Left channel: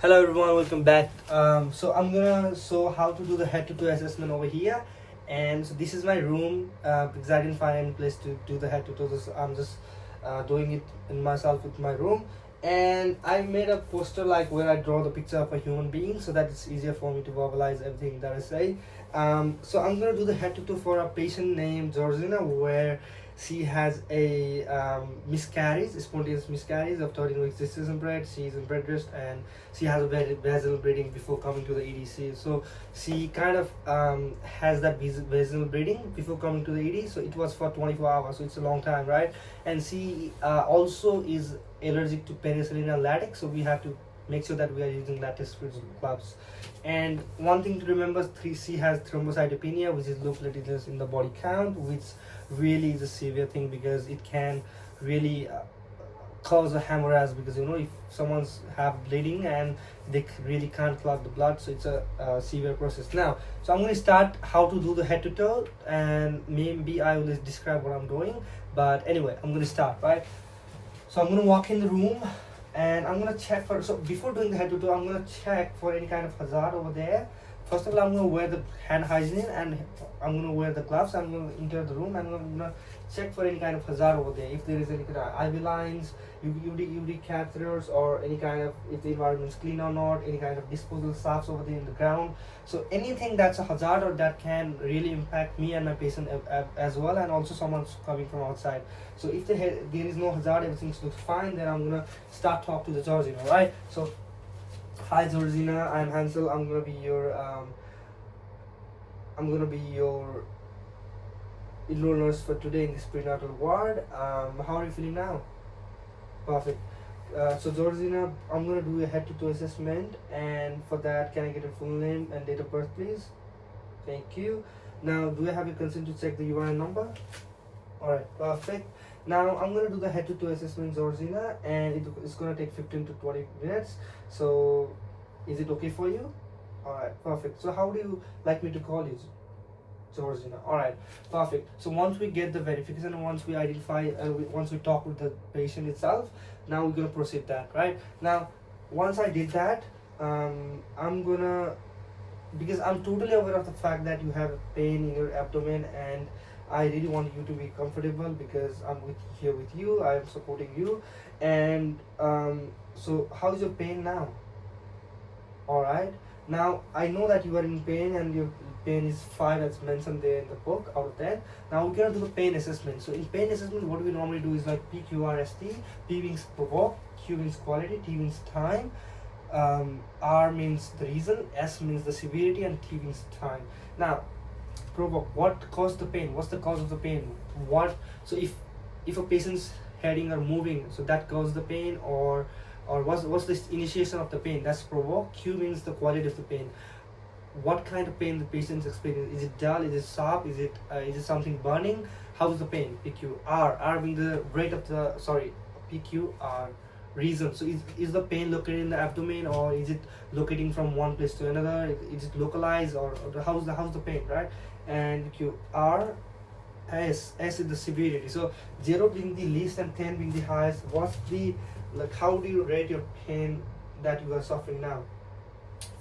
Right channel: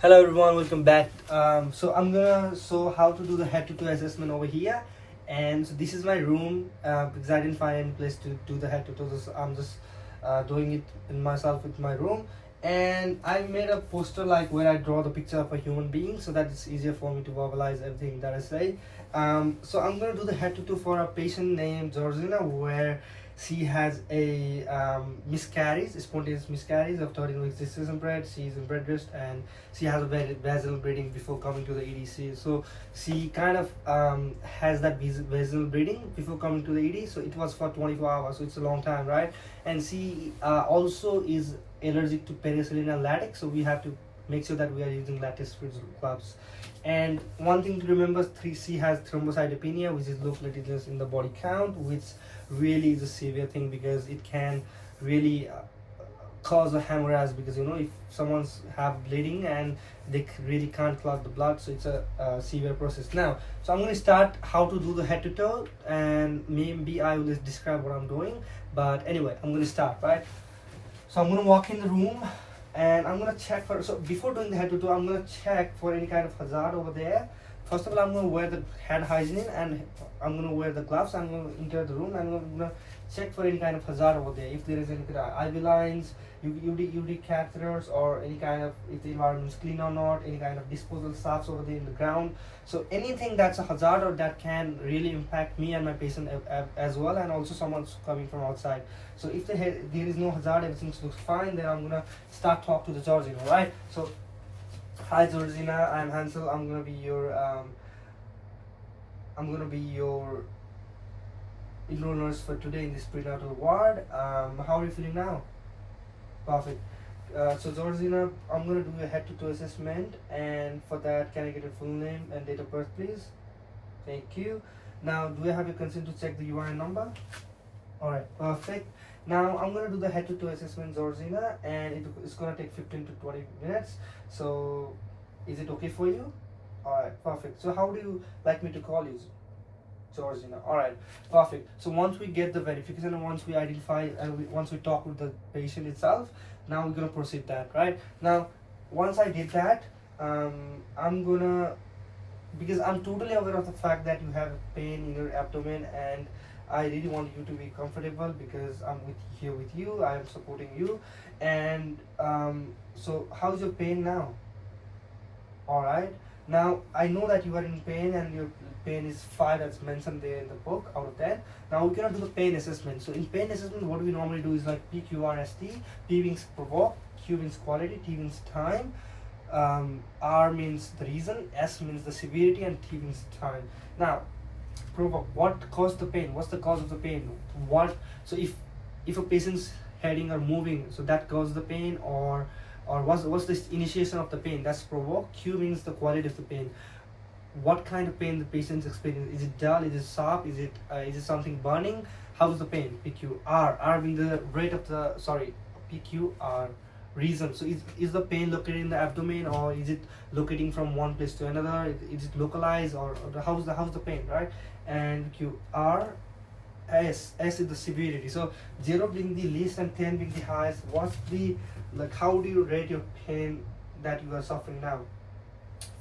Hello everyone, welcome back. So I'm gonna show how to do the head-to-toe assessment over here, and so this is my room because I didn't find any place to do the head-to-toe. So I'm just doing it in myself with my room, and I made a poster like where I draw the picture of a human being, so that it's easier for me to verbalize everything that I say. So I'm gonna do the head-to-toe for a patient named Georgina, where she has a miscarriage, spontaneous miscarriage of 13 weeks gestation period. She is in bed rest and she has a very vaginal bleeding before coming to the ED. So she kind of has that vaginal bleeding before coming to the ED. So it was for 24 hours. So it's a long time, right? And she also is allergic to penicillin and latex. So we have to make sure that we are using latex-free gloves. And one thing to remember, she has thrombocytopenia, which is low platelets in the body count, which really is a severe thing because it can really cause a hemorrhage, because if someone's have bleeding and they really can't clot the blood, so it's a severe process. Now, so I'm going to start how to do the head to toe, and maybe I will describe what I'm doing, but anyway, I'm going to start, right? So I'm going to walk in the room and I'm going to check for, so before doing the head to toe, I'm going to check for any kind of hazard over there. First of all, I'm going to wear the hand hygiene and I'm going to wear the gloves. I'm going to enter the room and I'm going to check for any kind of hazard over there. If there is any kind of IV lines, UD catheters, or any kind of, if the environment is clean or not, any kind of disposal stuffs over there in the ground. So anything that's a hazard or that can really impact me and my patient as well, and also someone's coming from outside. So if there is no hazard, everything looks fine, then I'm going to start talk to the Georgina, right? So, hi Georgina, I'm Hansel. I'm going to be your enroll nurse for today in this prenatal ward. How are you feeling now? Perfect. So Georgina, I'm gonna do a head-to-toe assessment, and for that, can I get your full name and date of birth, please? Thank you. Now, do I have your consent to check the UIN number? All right, perfect. Now I'm gonna do the head-to-toe assessment, Georgina, and it's gonna take 15 to 20 minutes. So, is it okay for you? All right, perfect. So, how do you like me to call you? Georgina. All right, perfect. So once we get the verification, and once we identify, once we talk with the patient itself, now we're gonna proceed that, right? Now, once I did that, I'm gonna, because I'm totally aware of the fact that you have pain in your abdomen, and I really want you to be comfortable because I'm here with you. I am supporting you, and so how's your pain now? All right. Now I know that you are in pain and your pain is 5 as mentioned there in the book out of that. Now we're gonna do the pain assessment. So in pain assessment, what we normally do is like PQRST. P means provoke, Q means quality, T means time, R means the reason, S means the severity, and T means time. Now, provoke. What caused the pain? What's the cause of the pain? What? So if a patient's heading or moving, so that causes the pain, or what's the initiation of the pain? That's provoke. Q means the quality of the pain. What kind of pain the patient's experiencing? Is it dull? Is it sharp? Is it something burning? How's the pain? PQ. R being the rate of the, sorry, PQR, reason. So is the pain located in the abdomen, or is it locating from one place to another? Is it localized, or how's the pain, right? And Q. R. S is the severity. So 0 being the least and 10 being the highest. What's the, like, how do you rate your pain that you are suffering now?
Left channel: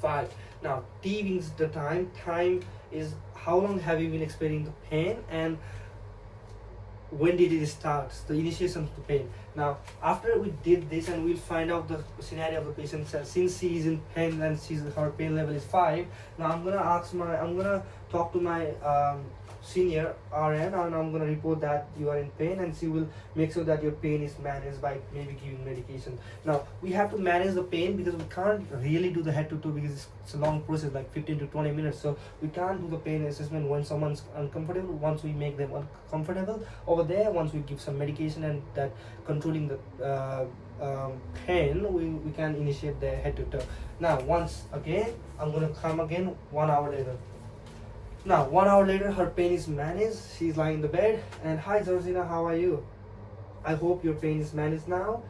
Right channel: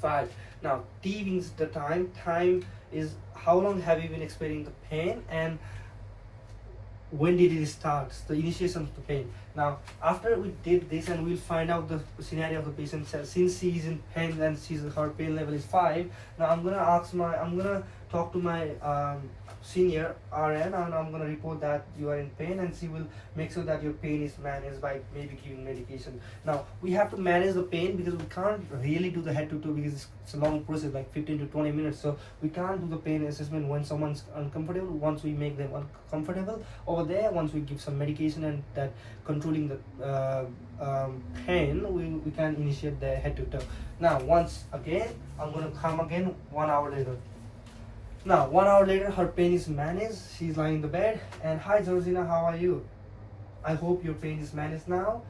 5. Now T means the time. Time is how long have you been experiencing the pain, and when did it start, the initiation of the pain. Now after we did this, and we'll find out the scenario of the patient, since she is in pain and her pain level is 5. Now I'm gonna talk to my senior RN, and I'm going to report that you are in pain, and she will make sure that your pain is managed by maybe giving medication. Now we have to manage the pain because we can't really do the head to toe because it's a long process, like 15 to 20 minutes. So we can't do the pain assessment when someone's uncomfortable. Once we make them uncomfortable over there, once we give some medication and that controlling the pain, we can initiate the head to toe. Now once again, I'm going to come again 1 hour later. Now, 1 hour later, her pain is managed. She's lying in the bed. And hi, Georgina, how are you? I hope your pain is managed now.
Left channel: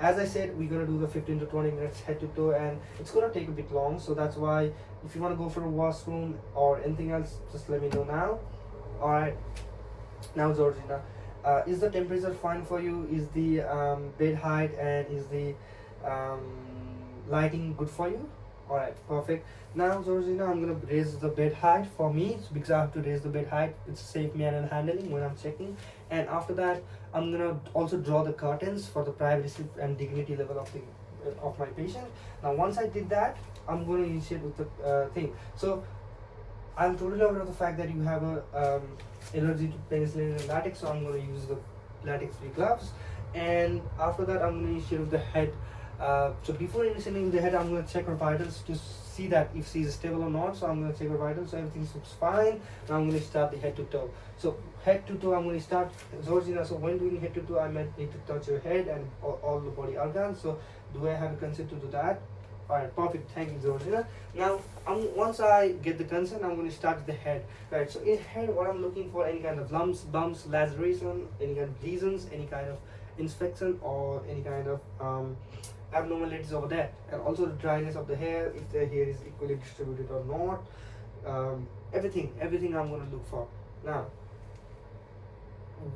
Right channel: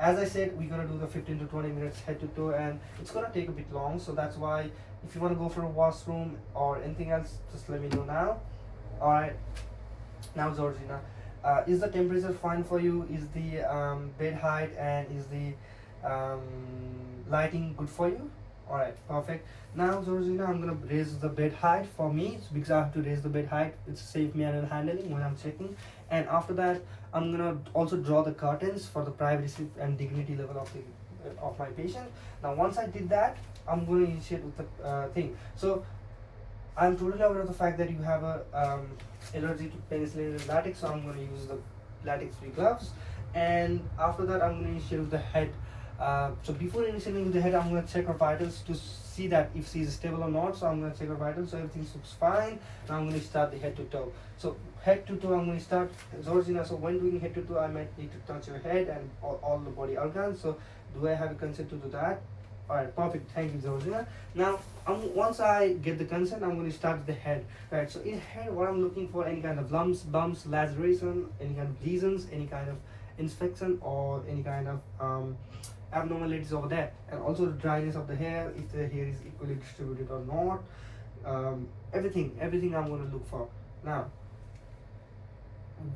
As I said, we're gonna do the 15 to 20 minutes head to toe, and it's gonna take a bit long. So that's why, if you wanna go for a washroom or anything else, just let me know now. All right. Now, Georgina, is the temperature fine for you? Is the bed height and is the lighting good for you? All right, perfect. Now, Georgina, I'm gonna raise the bed height for me because I have to raise the bed height. It's safe manual handling when I'm checking. And after that, I'm gonna also draw the curtains for the privacy and dignity level of my patient. Now, once I did that, I'm gonna initiate with the thing. So, I'm totally aware of the fact that you have a allergy to penicillin and latex, so I'm gonna use the latex-free gloves. And after that, I'm gonna initiate with the head. So before initiating the head, I'm going to check her vitals to see that if she's stable or not. So I'm going to check her vitals. So everything looks fine. Now I'm going to start the head to toe. So head to toe, I'm going to start. Georgina, so when doing head to toe, I might need to touch your head and all the body organs. So do I have a consent to do that? All right, perfect. Thank you, Georgina. Now, once I get the consent, I'm going to start the head. Right. So in head, what I'm looking for, any kind of lumps, bumps, laceration, any kind of lesions, any kind of infection, or any kind of abnormalities over there, and also the dryness of the hair, if the hair is equally distributed or not. Everything I'm going to look for. Now,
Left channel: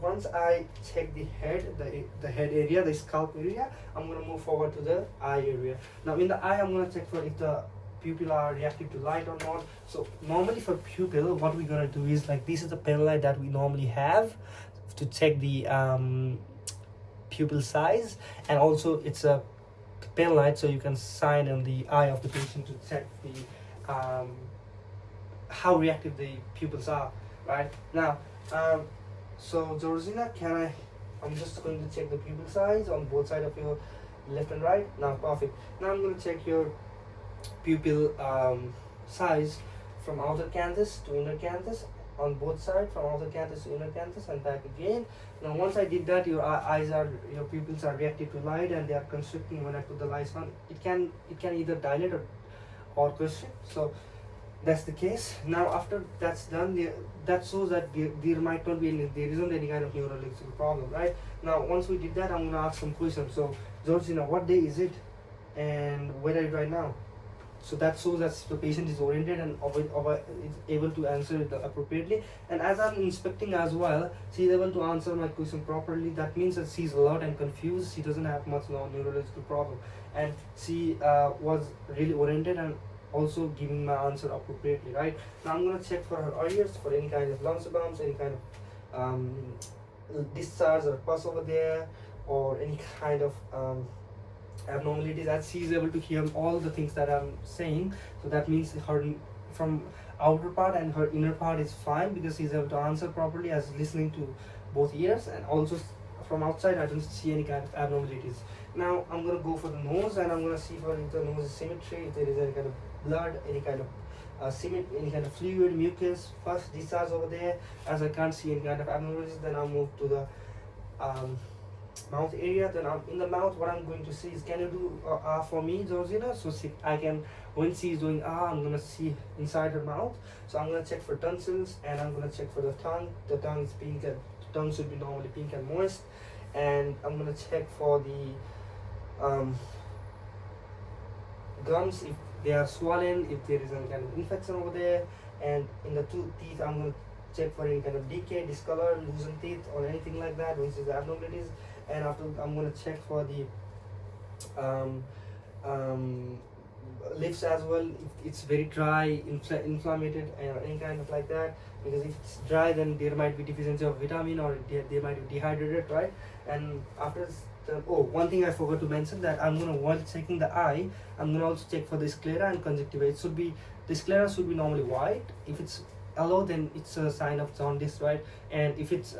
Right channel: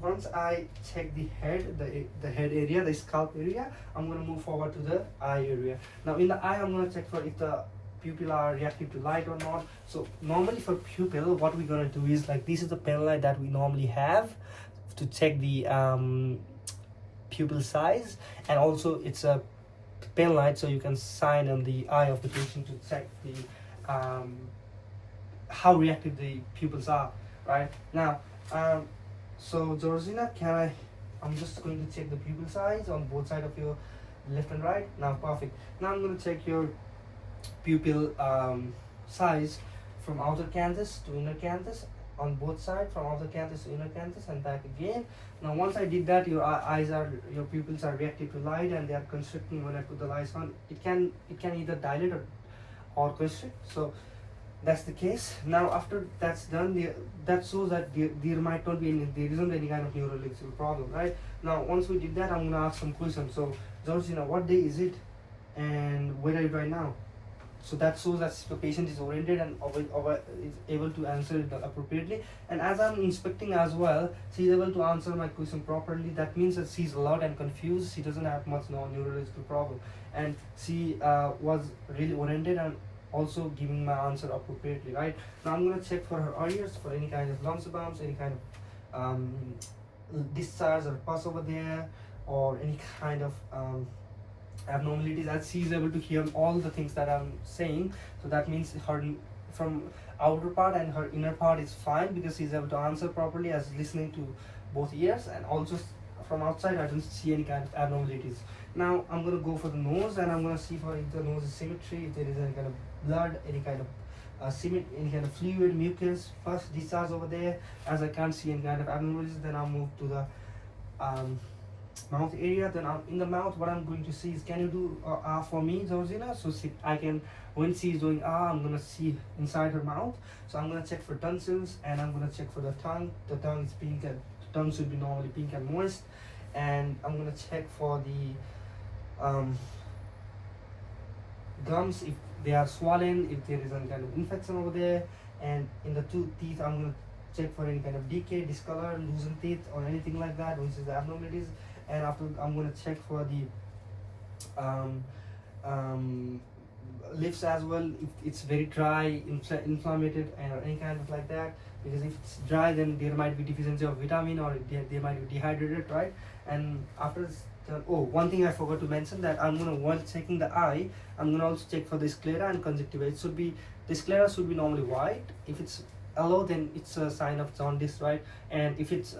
once I check the head, the head area, the scalp area, I'm going to move forward to the eye area. Now in the eye, I'm going to check for if the pupil are reactive to light or not. So normally for pupil, what we're going to do is, like, this is the pen light that we normally have to check the pupil size, and also it's a pen light, so you can shine on the eye of the patient to check the how reactive the pupils are. Right now, so Georgina, I'm just going to check the pupil size on both sides of your left and right. Now perfect. Now I'm going to check your pupil size from outer canthus to inner canthus, on both sides, from outer canthus to inner canthus and back again. Now once I did that, your your pupils are reactive to light and they are constricting when I put the lights on. It can either dilate or constrict. So that's the case. Now after that's done, that shows that there might not be there isn't any kind of neurological problem, right? Now once we did that, I'm gonna ask some questions. So Georgina, what day is it, and where are you right now? So that shows that the patient is oriented and is able to answer it appropriately. And as I'm inspecting as well, she is able to answer my question properly. That means that she's alert and confused. She doesn't have much neurological problem, and she was really oriented and also giving my answer appropriately. Right now, I'm gonna check for her ears for any kind of lumps, bumps, any kind of discharge or pus over there, or any kind of abnormalities, as she is able to hear all the things that I'm saying. So that means her from outer part and her inner part is fine, because she's able to answer properly as listening to both ears. And also from outside, I don't see any kind of abnormalities. Now I'm going to go for the nose, and I'm going to see for if the nose is symmetry, if there is any kind of blood, any kind of any kind of fluid, mucus, pus, discharge over there. As I can't see any kind of abnormalities, then I'll move to the mouth area. Then in the mouth, what I'm going to see is, can you do for me, Georgina? So I can, when she is doing I'm going to see inside her mouth. So I'm going to check for tonsils, and I'm going to check for the tongue. The tongue is pink, and the tongue should be normally pink and moist. And I'm going to check for the gums, if they are swollen, if there is any kind of infection over there. And in the teeth, I'm going to check for any kind of decay, discolor, loosened teeth, or anything like that, which is the abnormalities. And after, I'm going to check for the lips as well, if it's very dry, inflamed, or any kind of like that. Because if it's dry, then there might be deficiency of vitamin, or they might be dehydrated, right? And after one thing I forgot to mention, that I'm gonna, while checking the eye, I'm gonna also check for the sclera and conjunctiva. It should be, the sclera should be normally white. If it's yellow, then it's a sign of jaundice, right? And if it's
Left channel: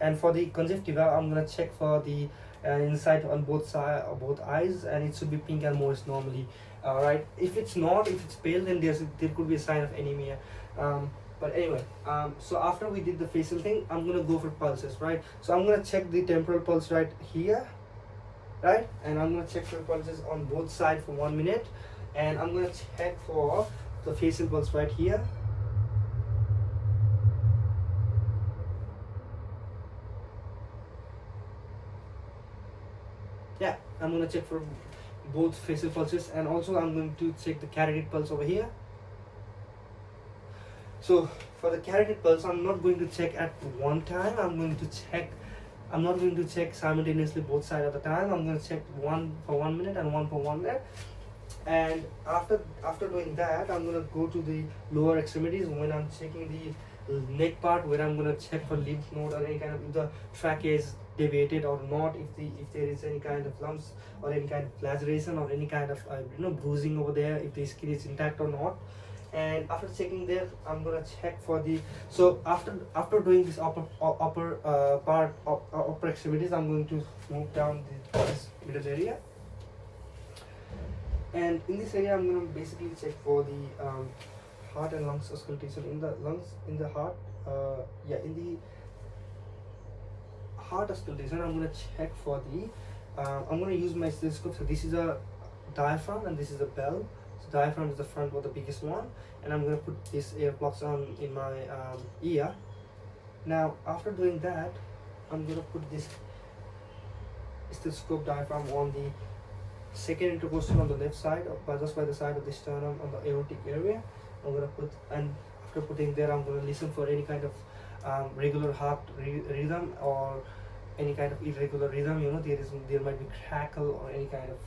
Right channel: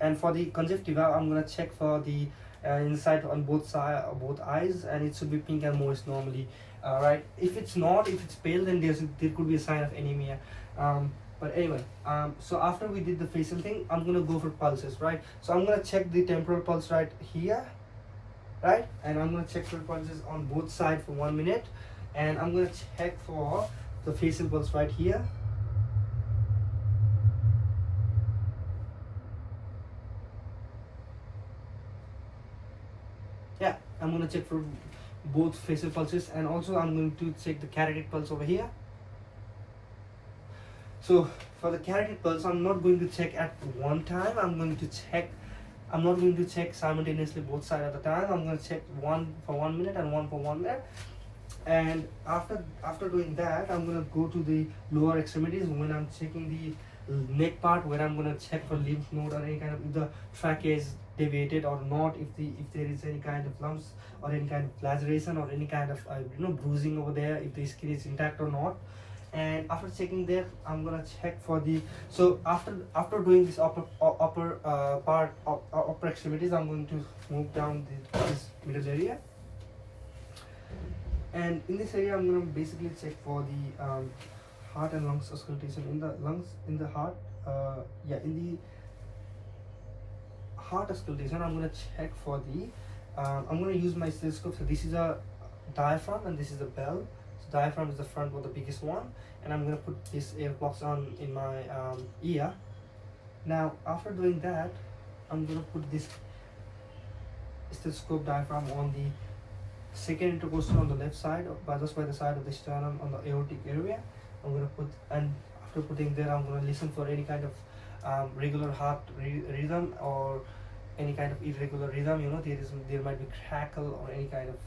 and for the conjunctiva, I'm gonna check for the inside on both eyes, and it should be pink and moist normally, right? If it's not, if it's pale, then there could be a sign of anemia. But anyway, so after we did the facial thing, I'm gonna go for pulses, right? So I'm gonna check the temporal pulse right here, right? And I'm gonna check for pulses on both sides for 1 minute, and I'm gonna check for the facial pulse right here. Yeah, I'm gonna check for both facial pulses, and also I'm going to check the carotid pulse over here. So for the carotid pulse, I'm not going to check at one time. I'm not going to check simultaneously both sides at a time. I'm going to check one for 1 minute and one for 1 minute. And after doing that, I'm gonna go to the lower extremities when I'm checking the neck part, where I'm gonna check for lymph node or any kind of, if the trachea is deviated or not, if there is any kind of lumps or any kind of laceration or any kind of bruising over there, if the skin is intact or not. And after checking there, I'm gonna check for the, so after doing this upper part of upper extremities, I'm going to move down this middle area. And in this area, I'm going to basically check for the heart and lungs auscultation. In the lungs, in the heart, in the heart auscultation, I'm going to check for the, I'm going to use my stethoscope. So this is a diaphragm and this is a bell. So diaphragm is the front or the biggest one. And I'm going to put this ear plugs on in my ear. Now, after doing that, I'm going to put this stethoscope diaphragm on the second intercostal on the left side, just by the side of the sternum on the aortic area. I'm gonna put, and after putting there, I'm gonna listen for any kind of regular heart rhythm or any kind of irregular rhythm. There might be crackle or any kind of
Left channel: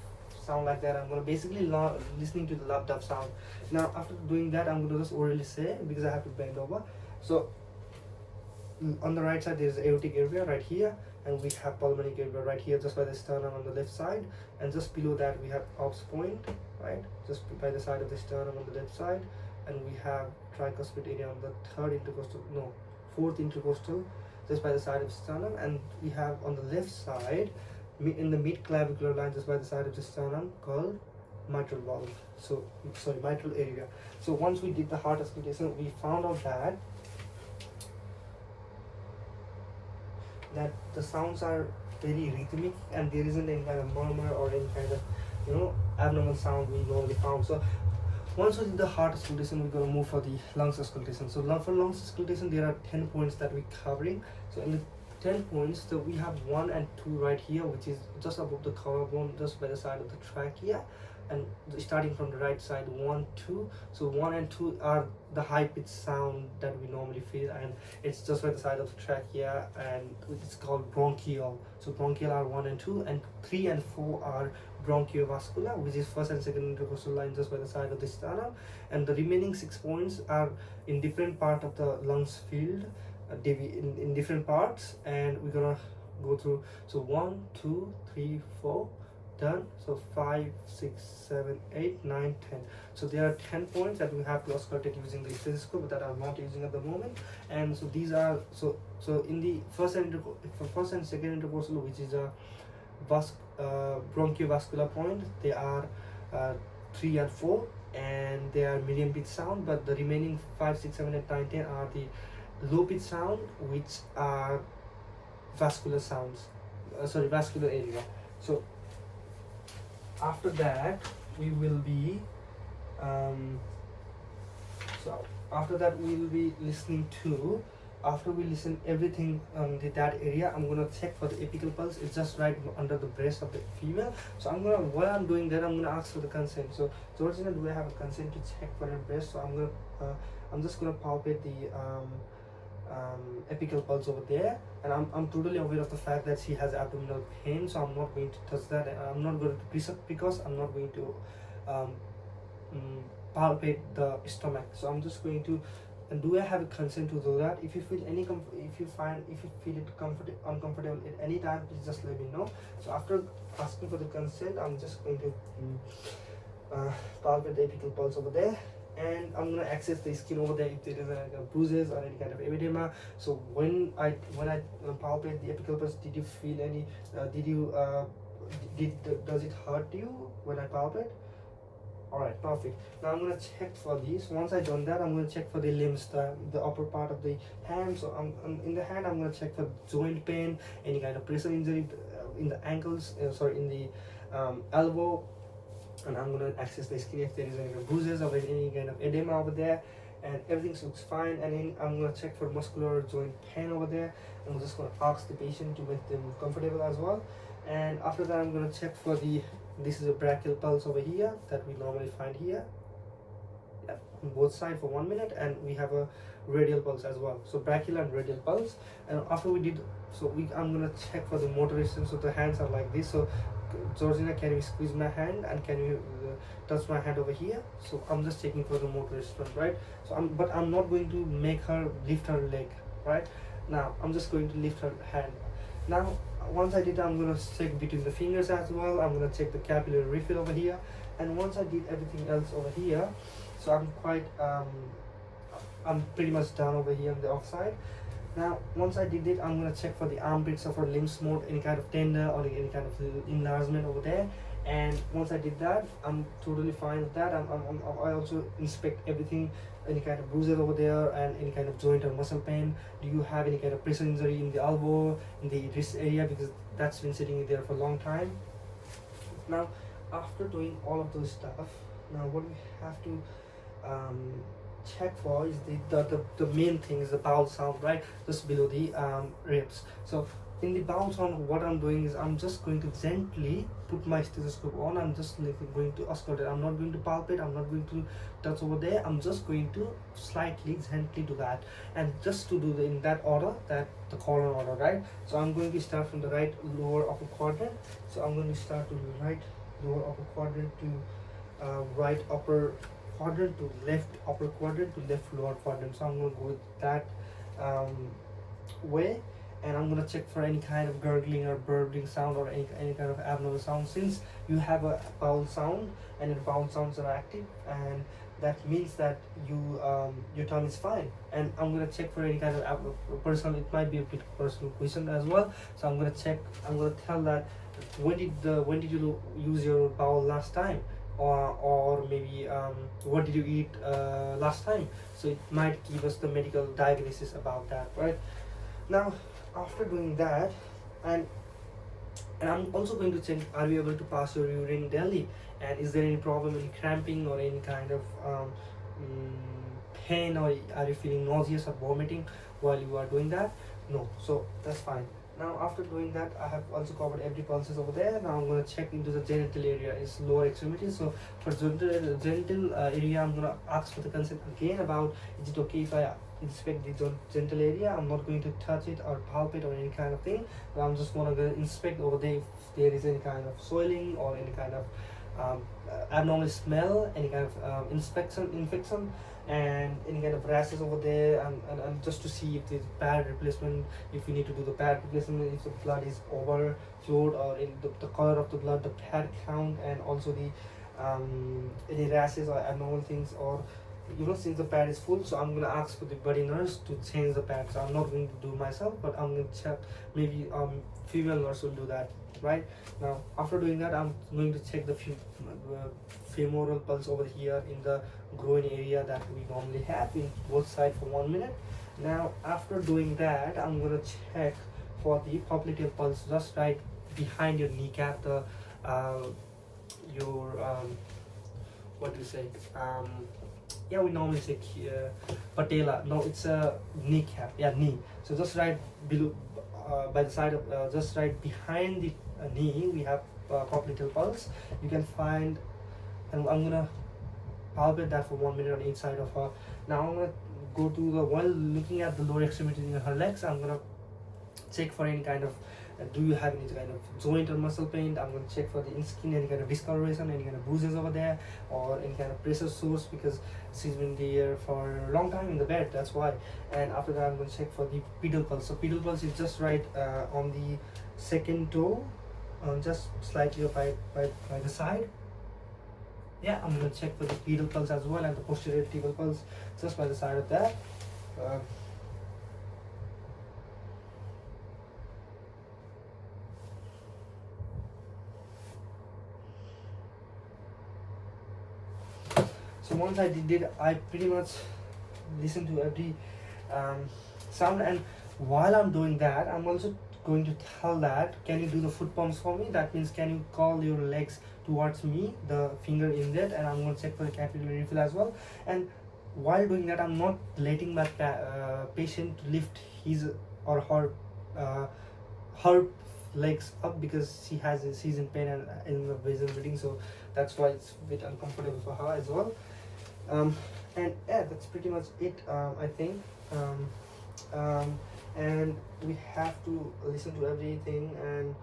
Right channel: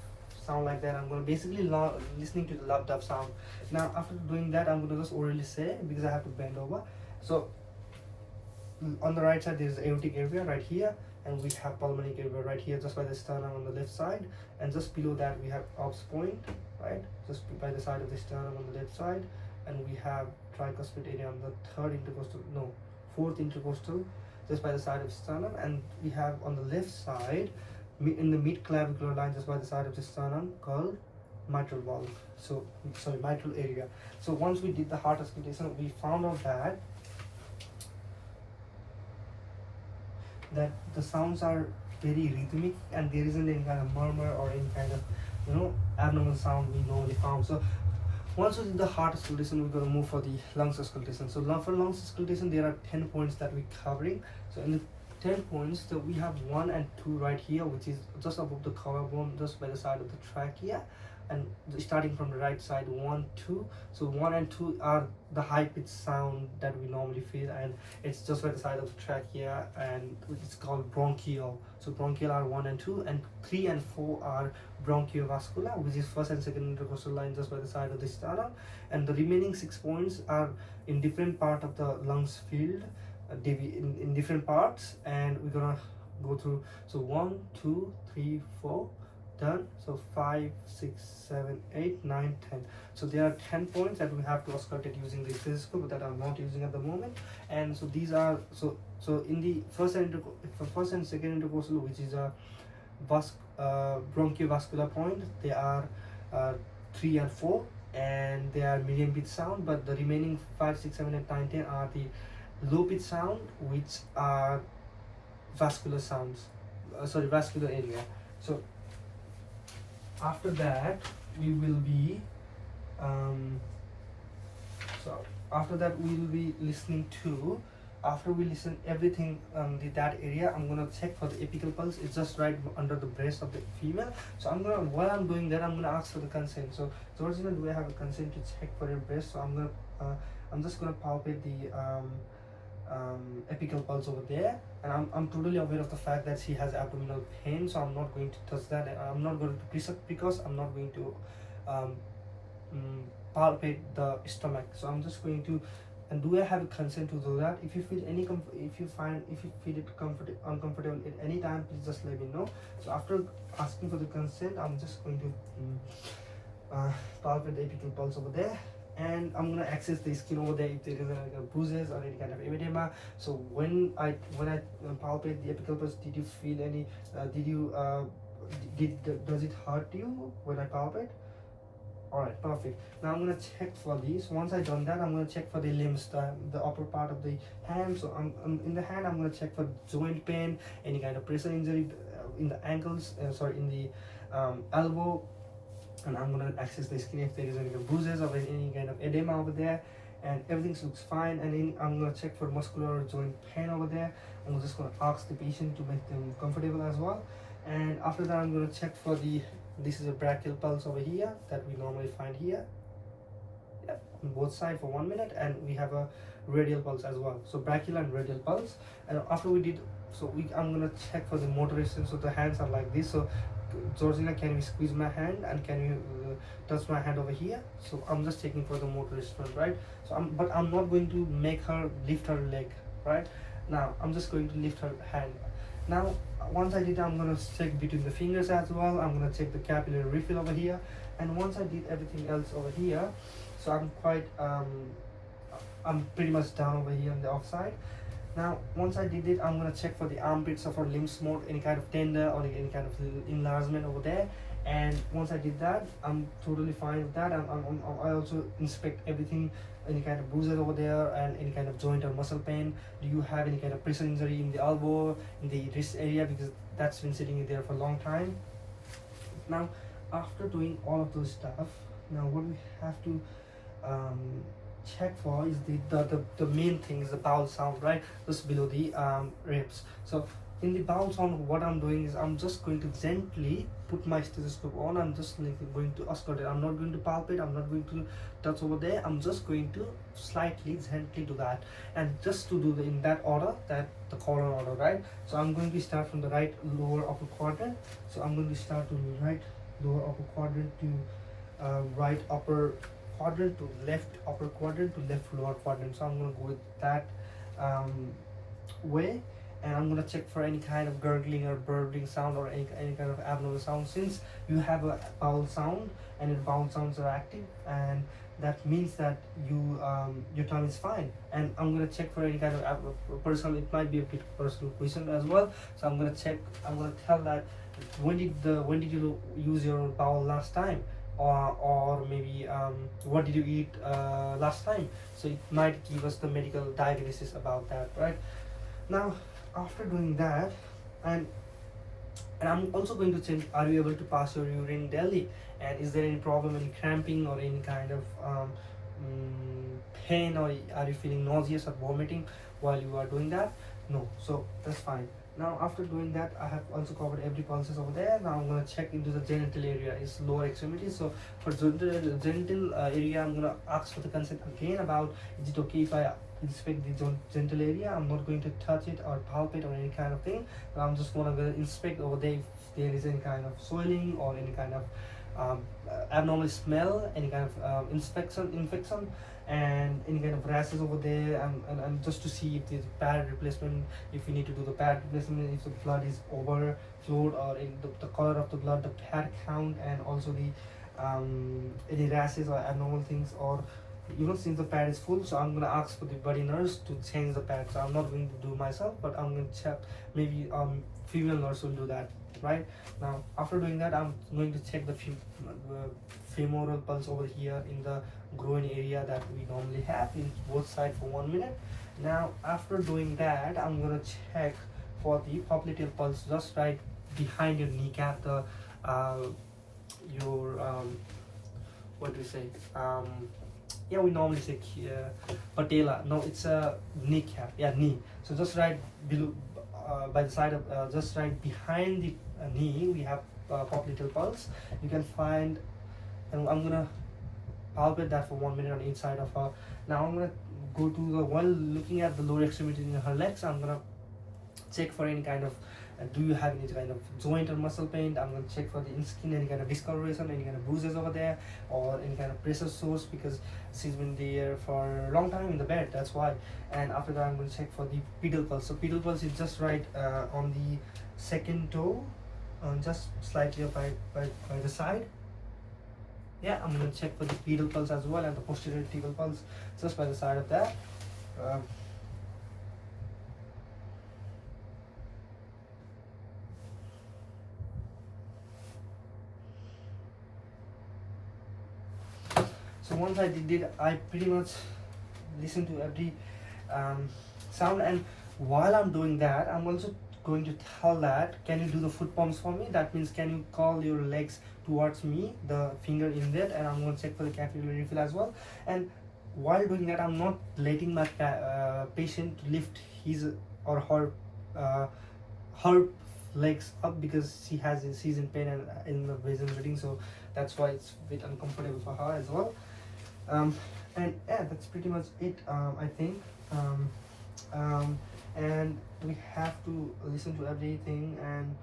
sound like that. I'm gonna basically listening to the dub sound. Now after doing that, I'm gonna just orally say, because I have to bend over. So on the right side, there's aortic area right here, and we have pulmonary area right here, just by the sternum on the left side, and just below that we have aux point, right, just by the side of the sternum on the left side, and we have tricuspid area on the fourth intercostal, just by the side of sternum, and we have on the left side, in the mid clavicular line, just by the side of the sternum, called mitral valve. So sorry, mitral area. So once we did the heart auscultation, we found out that the sounds are very rhythmic and there isn't any kind of murmur or any kind of abnormal sound we normally found. So once we did the heart auscultation, we're going to move for the lungs auscultation. So for lungs auscultation, there are 10 points that we're covering. So in the 10 points, we have 1 and 2 right here, which is just above the collarbone, just by the side of the trachea, and starting from the right side, 1, 2. So 1 and 2 are the high pitched sound that we normally feel, and it's just by the side of the trachea, and it's called bronchial. So bronchial are 1 and 2, and 3 and 4 are bronchiovascular, which is first and second intercostal line, just by the side of the sternum, and the remaining 6 points are in different part of the lungs field, in different parts, and we're gonna go through. So 1, 2, 3, 4, done. So 5, 6, 7, 8, 9, 10. So there are 10 points that we have to auscultate using the stethoscope that I'm not using at the moment. And so these are so in the first and second intercostal, which is a bronchiovascular point, they are 3 and 4, and they are medium pitch sound. But the remaining 5, 6, 7, 8, 9, 10 are the low pitch sound, which are vascular sounds. Vascular area. So after that, we will be listening to, after we listen everything that area, I'm gonna check for the apical pulse. It's just right under the breast of the female. So while I'm doing that, I'm gonna ask for the consent. So Georgina, do I have a consent to check for her breast? So I'm just gonna palpate the apical pulse over there, and I'm totally aware of the fact that she has abdominal pain, so I'm not going to touch that, and I'm not going to press up because I'm not going to palpate the stomach. So I'm just going to, and do I have a consent to do that? If you feel if you feel it uncomfortable at any time, please just let me know. So after asking for the consent, I'm just going to palpate the apical pulse over there, and I'm gonna access the skin over there if there is any bruises or any kind of erythema. So when I palpate the apical pulse, did you feel any? Does it hurt you when I palpate? Alright, perfect. Now I'm gonna check for these. Once I've done that, I'm gonna check for the limbs, the upper part of the hand. So I'm in the hand, I'm gonna check for joint pain, any kind of pressure injury in the ankles, in the elbow, and I'm gonna access the skin if there is any bruises or any kind of edema over there, and everything looks fine. And then I'm gonna check for muscular joint pain over there. I'm just gonna ask the patient to make them comfortable as well. And after that, I'm gonna check for this is a brachial pulse over here that we normally find here, on both sides for 1 minute, and we have a radial pulse as well. So brachial and radial pulse. And after we did, I'm gonna check for the motorization. So the hands are like this. So Georgina, can you squeeze my hand and can you touch my hand over here? So I'm just checking for the motor response, right? So I'm not going to make her lift her leg, right? Now I'm just going to lift her hand. Now once I did, I'm gonna check between the fingers as well. I'm gonna check the capillary refill over here, and once I did everything else over here, so I'm pretty much done over here on the offside. Now once I did it, I'm gonna check for the armpits of her lymph node, any kind of tender or any kind of enlargement over there. And once I did that, I'm totally fine with that. I also inspect everything, any kind of bruises over there and any kind of joint or muscle pain. Do you have any kind of pressure injury in the elbow, in the wrist area, because that's been sitting there for a long time. Now after doing all of those stuff, now what we have to check for is the main thing is the bowel sound, right? Just below the ribs. So in the bowel sound, what I'm doing is I'm just going to gently put my stethoscope on. I'm just going to auscultate. I'm not going to palpate. I'm not going to touch over there. I'm just going to slightly gently do that, and just to do in that order, that the colon order, right? So I'm going to start from the right lower upper quadrant. So I'm going to start to right lower upper quadrant to right upper quadrant to left upper quadrant to left lower quadrant. So I'm going to go with that way, and I'm going to check for any kind of gurgling or burbling sound or any kind of abnormal sound. Since you have a bowel sound and your bowel sounds are active, and that means that your tongue is fine. And I'm going to check for any kind of personal, it might be a bit personal question as well. So I'm going to check, I'm going to tell that when did you use your bowel last time, or maybe what did you eat last time. So it might give us the medical diagnosis about that, right? Now after doing that, and I'm also going to check, are you able to pass your urine daily, and is there any problem in cramping or any kind of pain, or are you feeling nauseous or vomiting while you are doing that? No, so that's fine. Now after doing that, I have also covered every pulses over there. Now I'm going to check into the genital area, it's lower extremity. So for genital area, I'm going to ask for the consent again about, is it okay if I inspect the genital area? I'm not going to touch it or palpate or any kind of thing, but I'm just going to inspect over there if there is any kind of swelling or any kind of abnormal smell, any kind of infection, and any kind of rashes over there, and just to see if there's pad replacement, if we need to do the pad replacement, if the blood is overflowed, or in the color of the blood, the pad count, and also the any rashes or abnormal things, or since the pad is full. So I'm gonna ask for the body nurse to change the pad. So I'm not going to do myself, but I'm going to check, maybe female nurse will do that, right? Now after doing that, I'm going to check the femoral pulse over here in the groin area that we normally have in both sides for 1 minute. Now after doing that, I'm gonna check for the popliteal pulse just right behind your kneecap, the your what do you say, yeah, we normally say patella. No, it's a kneecap. Yeah, knee. So just right below, by the side of, just right behind the knee, we have popliteal pulse. You can find, and I'm gonna palpate that for 1 minute on each side of her. Now I'm gonna go to the, while looking at the lower extremity in her legs, I'm gonna check for any kind of do you have any kind of joint or muscle pain. I'm going to check for the skin, any kind of discoloration, any kind of bruises over there, or any kind of pressure source, because she's been there for a long time in the bed, that's why. And after that, I'm going to check for the pedal pulse. So pedal pulse is just right on the second toe, just slightly by the side. Yeah, I'm going to check for the pedal pulse as well, and the posterior pedal pulse just by the side of that. So once I did it, I pretty much listened to every sound, and while I'm doing that, I'm also going to tell that, can you do the foot pumps for me? That means, can you call your legs towards me, the finger in that, and I'm going to check for the capillary refill as well. And while doing that, I'm not letting my patient lift his or her legs up, because she's in pain and in the vision meeting, so that's why it's a bit uncomfortable for her as well. And yeah, that's pretty much it, I think. And we have to listen to everything, and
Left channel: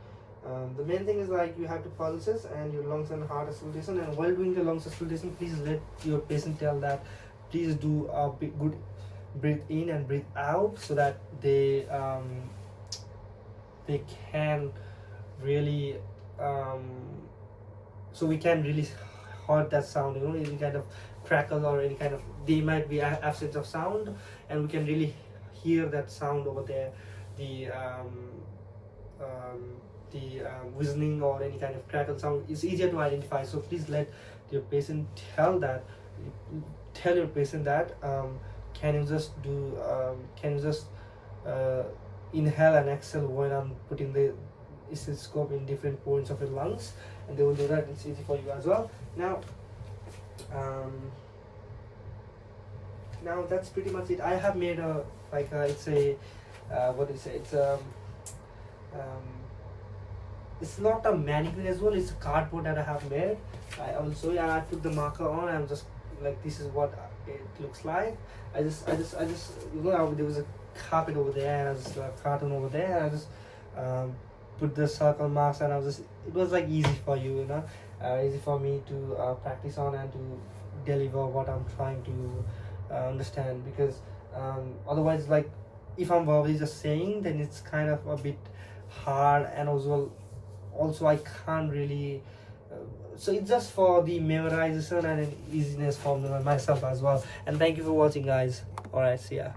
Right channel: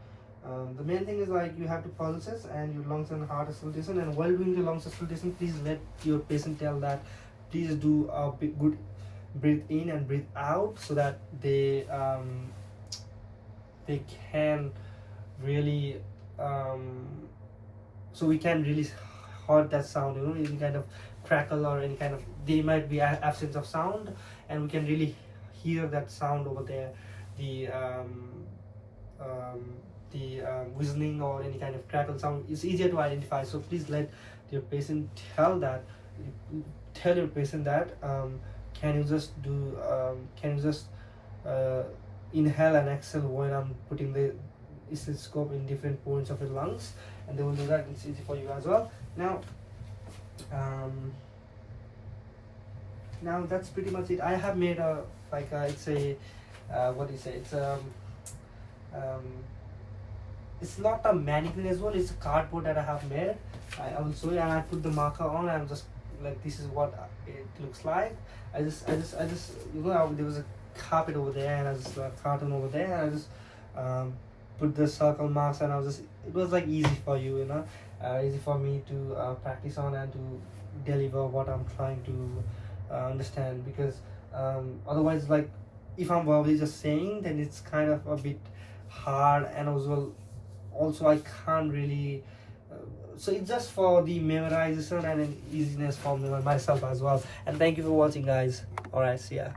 The main thing is like you have to pulses and your lungs and heart auscultation, and while doing the lungs auscultation, please let your patient tell that please do a good breathe in and breathe out, so that they can really so we can really heard that sound, you know, any kind of crackle or any kind of, they might be absence of sound, and we can really hear that sound over there, the whistling or any kind of crackle sound is easier to identify. So please let your patient tell your patient that can you just do inhale and exhale when I'm putting the stethoscope in different points of your lungs, and they will do that. It's easy for you as well. Now that's pretty much it. I have made a it's a what do you say, it's not a mannequin as well, it's a cardboard that I have made. I will show you, and I put the marker on. I'm just like, this is what it looks like. I just you know, there was a carpet over there and I just a carton over there, and I just put the circle marks, and I was just, it was like easy for you, you know, easy for me to practice on and to deliver what I'm trying to understand, because otherwise, like, if I'm verbally just saying, then it's kind of a bit hard, and also I can't really so it's just for the memorization and an easiness for myself as well. And thank you for watching, guys. All right, see ya.